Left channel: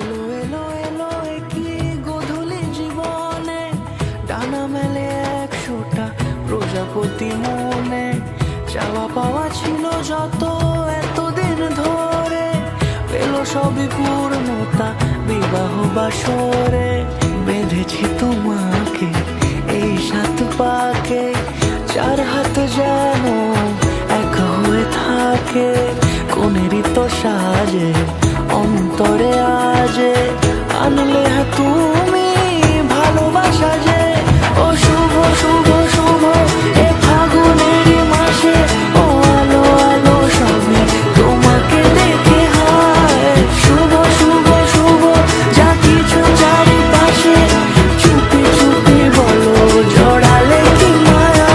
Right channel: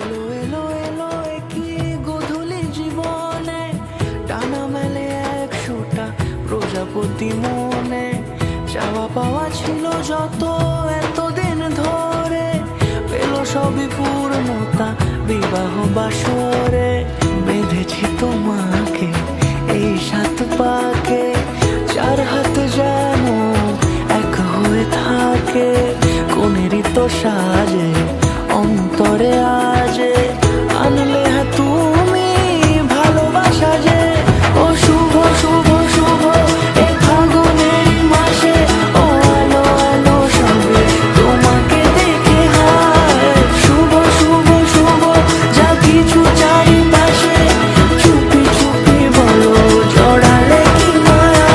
এলো এলো এলো কি গোধূলি জীবনে, ডানা মেলে 100টা প্রজাপতি মনে। চাওয়া পাওয়া ছিল যত এতদিন ধরে, পেল সবই পূর্ণতা বিবাহ বাসরে। বেঁধেছি তোমাকে এই 7 পাকে, 4 হাত যেন এক হয়ে থাকে। কোনেরই তো সাজে অন্তরে আজে, আনলে হ্যাঁ তুমি ভালোবাসা যে। ও শুভ শুভ শুভ এ ফাগুনেরই মাসে, ও আলো আলো সবে তোমাকে দেখে হায়। শুভ শুভ শুভ যা কিছু চারিপাশে, চুপি চুপি বলো জড়ালে কি মায়া।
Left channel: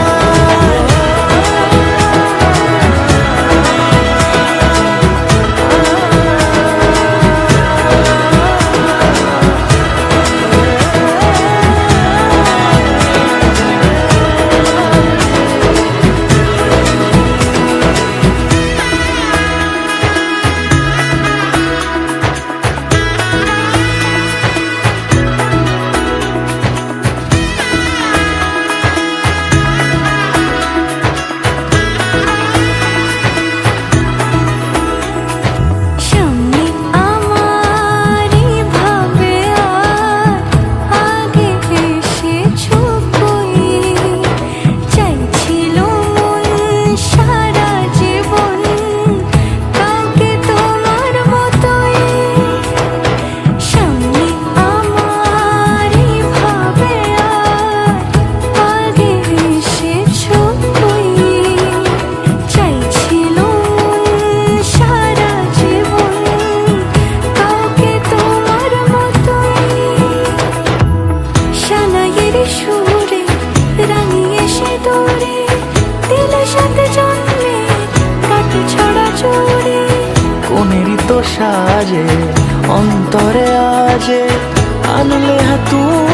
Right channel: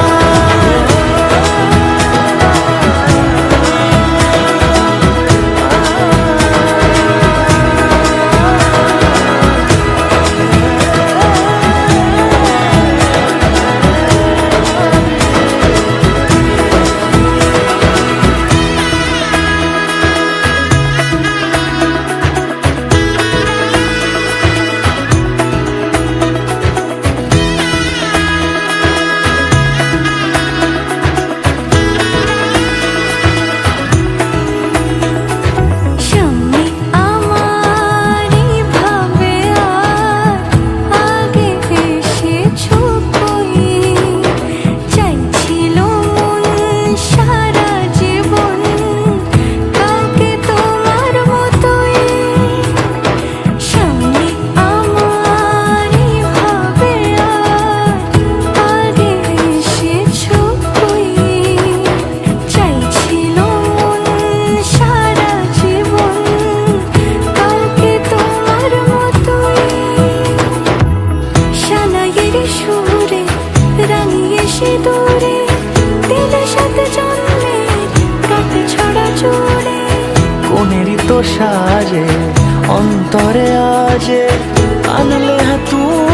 সুরে রাঙিয়ে সে দূরে, দিলে 7 জন্মে কাট ছড়া জোরে। কোনেরই তো সাজে অন্তরে আজে, আনলে হ্যাঁ তুমি